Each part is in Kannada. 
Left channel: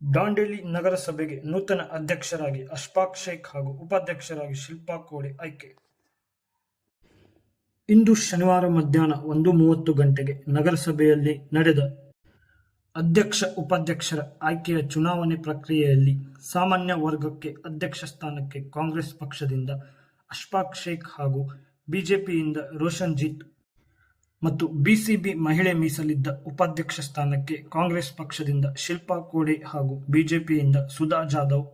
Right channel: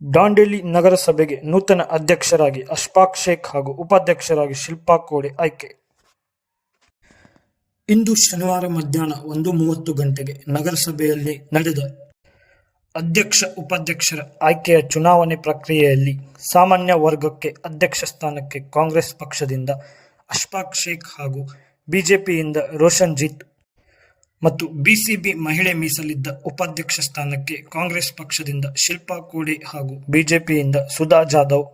ದಾಂಡೇಲಿ ನಗರಸಭೆಗೆ ನೂತನ ಅಧ್ಯಕ್ಷರಾಗಿ ಅಶ್ಫಾಕ್ ಶೇಖ್ ಹಾಗೂ ಉಪಾಧ್ಯಕ್ಷರಾಗಿ ಶಿಲ್ಪಾ ಕೋಡೆ ಆಯ್ಕೆ. ಇಂದು ಶನಿವಾರ ಮಧ್ಯಾಹ್ನ 1:30 ಗಂಟೆಗೆ ನಗರಸಭೆಯಲ್ಲಿ ನಡೆದ ಅಧ್ಯಕ್ಷ ಉಪಾಧ್ಯಕ್ಷರ ಆಯ್ಕೆಯ ಚುನಾವಣೆ ಪ್ರಕ್ರಿಯೆಯಲ್ಲಿ ಸಾಮಾನ್ಯ ವರ್ಗಕ್ಕೆ ಅಧ್ಯಕ್ಷ ಸ್ಥಾನಕ್ಕೆ ಕಾಂಗ್ರೆಸ್ ಪಕ್ಷದಿಂದ ಅಶ್ಫಾಕ್ ಶೇಖ್ ಹಾಗೂ ಬಿಜೆಪಿಯಿಂದ ರೋಷನ್ಜೀತ್ ಮತ್ತು ಬಿಸಿಬಿ ಮಹಿಳೆ ಮೀಸಲಿದ್ದ ಉಪಾಧ್ಯಕ್ಷ ಸ್ಥಾನಕ್ಕೆ ಕಾಂಗ್ರೆಸ್ ಪಕ್ಷದಿಂದ ಶಿಲ್ಪಾ ಕೋಡೆ ಹಾಗೂ ಬಿಜೆಪಿಯಿಂದ ಸುಧಾ ಜಾಧವ್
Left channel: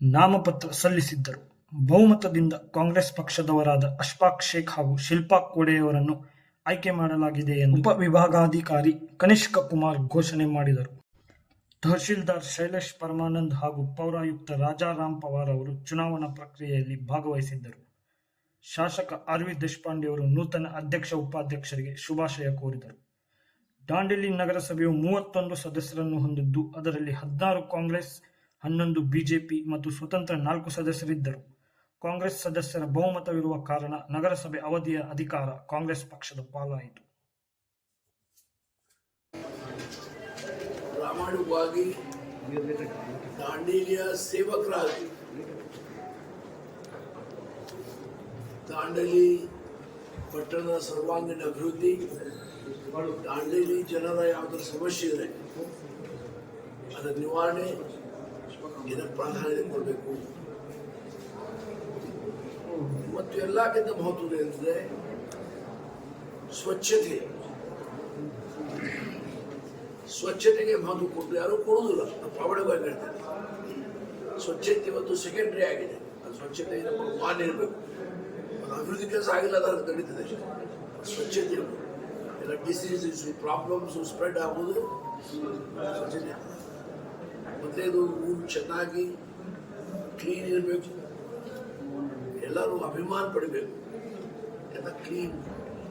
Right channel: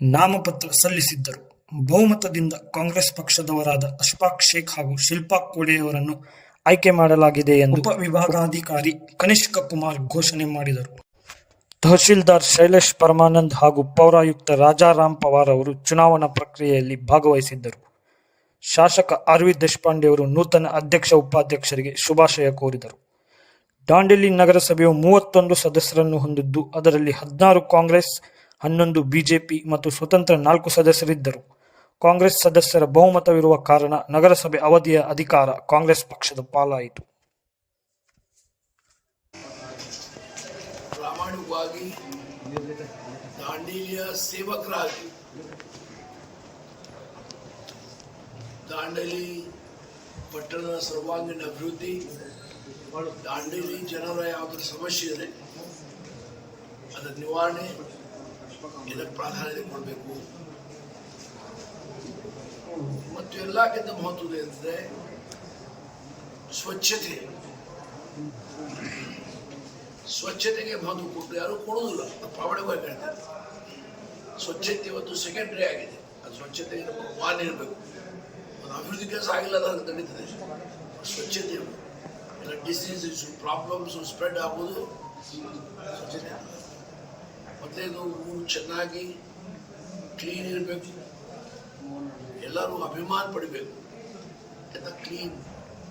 ನಾಮಪತ್ರ ಸಲ್ಲಿಸಿದ್ದರು. ಬಹುಮತದಿಂದ ಕಾಂಗ್ರೆಸ್ ಪಕ್ಷದವರಾದ ಅಶ್ಫಾಕ್ ಶೇಖ್ ಹಾಗೂ ಶಿಲ್ಪಾ ಕೋಡೆಯವರನ್ನು ಆಯ್ಕೆ ಮಾಡಲಾಗಿದೆ ಎಂದು ಉಪವಿಭಾಗಾಧಿಕಾರಿ ಕನಿಷ್ಕ ಕುಮಾರ್ ಘೋಷಣೆ ಮಾಡಿದರು. ತಹಶೀಲ್ದಾರ್ ಶೈಲೇಶ್ ಪರಮಾನಂದ್ ಹಾಗೂ ಪೌರಾಯುಕ್ತ ರಾಜಾರಾಮ್ ಪವಾರ್ ಅವರು ಚುನಾವಣಾ ಪ್ರಕ್ರಿಯೆಯಲ್ಲಿ ಭಾಗವಹಿಸಿದ್ದರು. ಶಾಸಕ ಆರ್ ವಿ ದೇಶಪಾಂಡೆಯವರು ನೂತನ ಅಧ್ಯಕ್ಷ ಉಪಾಧ್ಯಕ್ಷರಿಗೆ ಶುಭಾಶಯ ಕೋರಿದರು. ದಾಂಡೇಲಿ ನಗರಸಭೆಯು 31 ಸದಸ್ಯರನ್ನು ಹೊಂದಿದ್ದು ಅದರಲ್ಲಿ 16 ಕಾಂಗ್ರೆಸ್, 11 ಬಿಜೆಪಿ ಮತ್ತು ಸ್ವತಂತ್ರ 4 ಸದಸ್ಯರಿದ್ದರು. ಕಾಂಗ್ರೆಸ್ ಸದಸ್ಯರ ಬಹುಮತವಿರುವ ಕಾರಣ ನಗರಸಭೆ ಅವಧಿಯ ಅಧಿಕಾರ ಕಾಂಗ್ರೆಸ್ ಪಕ್ಷದ ಪಾಲಾಯಿತು. ಪ್ರಾಮಾಣಿಕವಾಗಿ ದಾಂಡೇಲಿಯ ಸೇವಕರಾಗಿ ದಾಂಡೇಲಿ ಪಟ್ಟಣದ ಸರ್ವಾಂಗೀಣ ಅಭಿವೃದ್ಧಿ, ದಾಂಡೇಲಿ ಜನರ ಯಾವುದಾದ್ರು ಸಮಸ್ಯೆ ಇದೆ ಅದರ ನಿವಾರಣೆ ಇದಕ್ಕೆ ಪ್ರಾಧಾನ್ಯತೆ ಕೊಡಬೇಕು. ಮತ್ತು ಎಲ್ಲಕ್ಕಿಂತ ಮಹತ್ವದ ಎಂದರೆ ಸ್ವಚ್ಛತೆಗೆ ಮಹತ್ವ ಕೊಟ್ಟು ಯಾರು ಕೊಡೋದಿಲ್ಲ. ಪ್ರಾಮಾಣಿಕವಾಗಿ ಹೇಳ್ತಾರೆ, ಸ್ವಚ್ಛತೆ ಇವತ್ತು ಸೆಕೆಂಡ್ರಿ ಆಗಿದೆ. ಅದು ಸ್ವಚ್ಛತೆ ಮಾನ್ಯ ಇರಬೇಕು. ಅದು ಅಭಿವೃದ್ಧಿ ಕೆಲಸ ಆಗಿಲ್ಲ ಅದು ನಡೀತದೆ. ಸ್ವಚ್ಛತೆ ಇರಬೇಕು. ಎಲ್ಲ ಡಿಸೀಸಸ್ ಪ್ರಾಬ್ಲಮ್ಸು ಸ್ಪ್ರೆಡ್ ಆಗೋದು ಸ್ವಚ್ಛತೆ. ಮೊದಲೇದು ಊರು ಚೆನ್ನಾಗಿ ಕ್ಲೀನ್ ಇರಬೇಕು. ಎಲ್ಲರೂ ಅಭಿಮಾನ ಪಡಿಬೇಕು. ಎಲ್ಲ ಕ್ಲೀನ್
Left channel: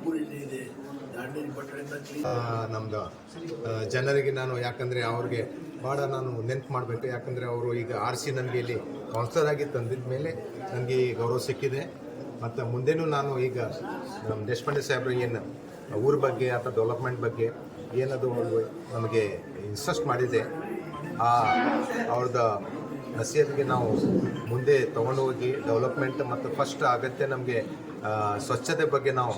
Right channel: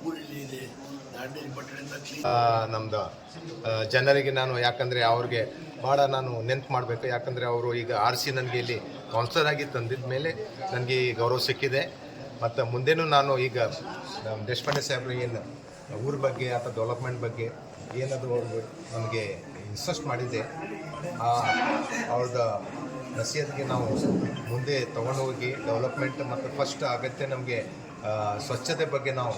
ಊರಿಲ್ಲಿ ಇದೆ. ದಾಂಡೇಲಿ ಪಟ್ಟಣದಿಂದ ಕ್ಲೀನ್ ನಮ್ದು ಜನರಿಗೆ ನಾನು ಯಾಕಂದರೆ ಅವ್ರಿಗೆ ಭಾಳ ನಾನು ನೆನಪು ಮಾಡಬೇಕು. ಯಾಕಂದರೆ ಅವರು ಈಗ RC ನನಗೆ ಇಲ್ಲಿ ಕೌನ್ಸಿಲರ್ ಆಗಿ ತಂದಿದ್ದ ಮೇಲೆ ನನಗೆ ಈ ಗೌರವ ಸಿಕ್ಕಿದೆ. ಮತ್ತು ಮುಂದೇನೂ ನಾನು ಈಗ ನಮ್ಮ ದೇಶಪಾಂಡೆ ಸಾಹೇಬರು ಏನು ಊರ ಬಗ್ಗೆ ಅಥವಾ ಡೆವಲಪ್ಮೆಂಟ್ ಬಗ್ಗೆ ಏನದು ನಮಗೆ ಇನ್ಸಿಸ್ಟ್ ಮಾಡಿದೆ ಅವ್ರದ್ದು ನಸೀಹತ್ಗೆ ನಾವು ಮುಂದೆ ತೊಗೊಂಡು ಹೋಗಿ ಡೆವಲಪ್ಮೆಂಟ್ ಮತ್ತು ಫಸ್ಟ್ ಅಗತ್ಯ ನಮಗೆ ಸ್ವಚ್ಛತೆ ಬಗ್ಗೆ ನಾವು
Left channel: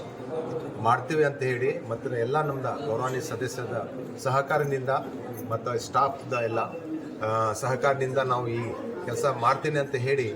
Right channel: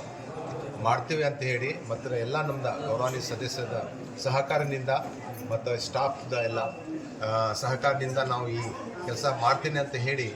ಮಾಡ್ತೀವಿ ಅಂತ ಹೇಳಿ ಮತ್ತು ಎಲ್ಲ ನಮ್ಮದು ಗೌರವಾನ್ವಿತ ಸದಸ್ಯರ ಸಹಕಾರದಿಂದ ಮತ್ತು ಸ್ಟಾಫ್ದ ಎಲ್ಲ ಸಹಕಾರದಿಂದ ನಾವು ಈ ಕೆಲಸ ಮಾಡ್ತೀನಿ ಅಂತ ಹೇಳಿ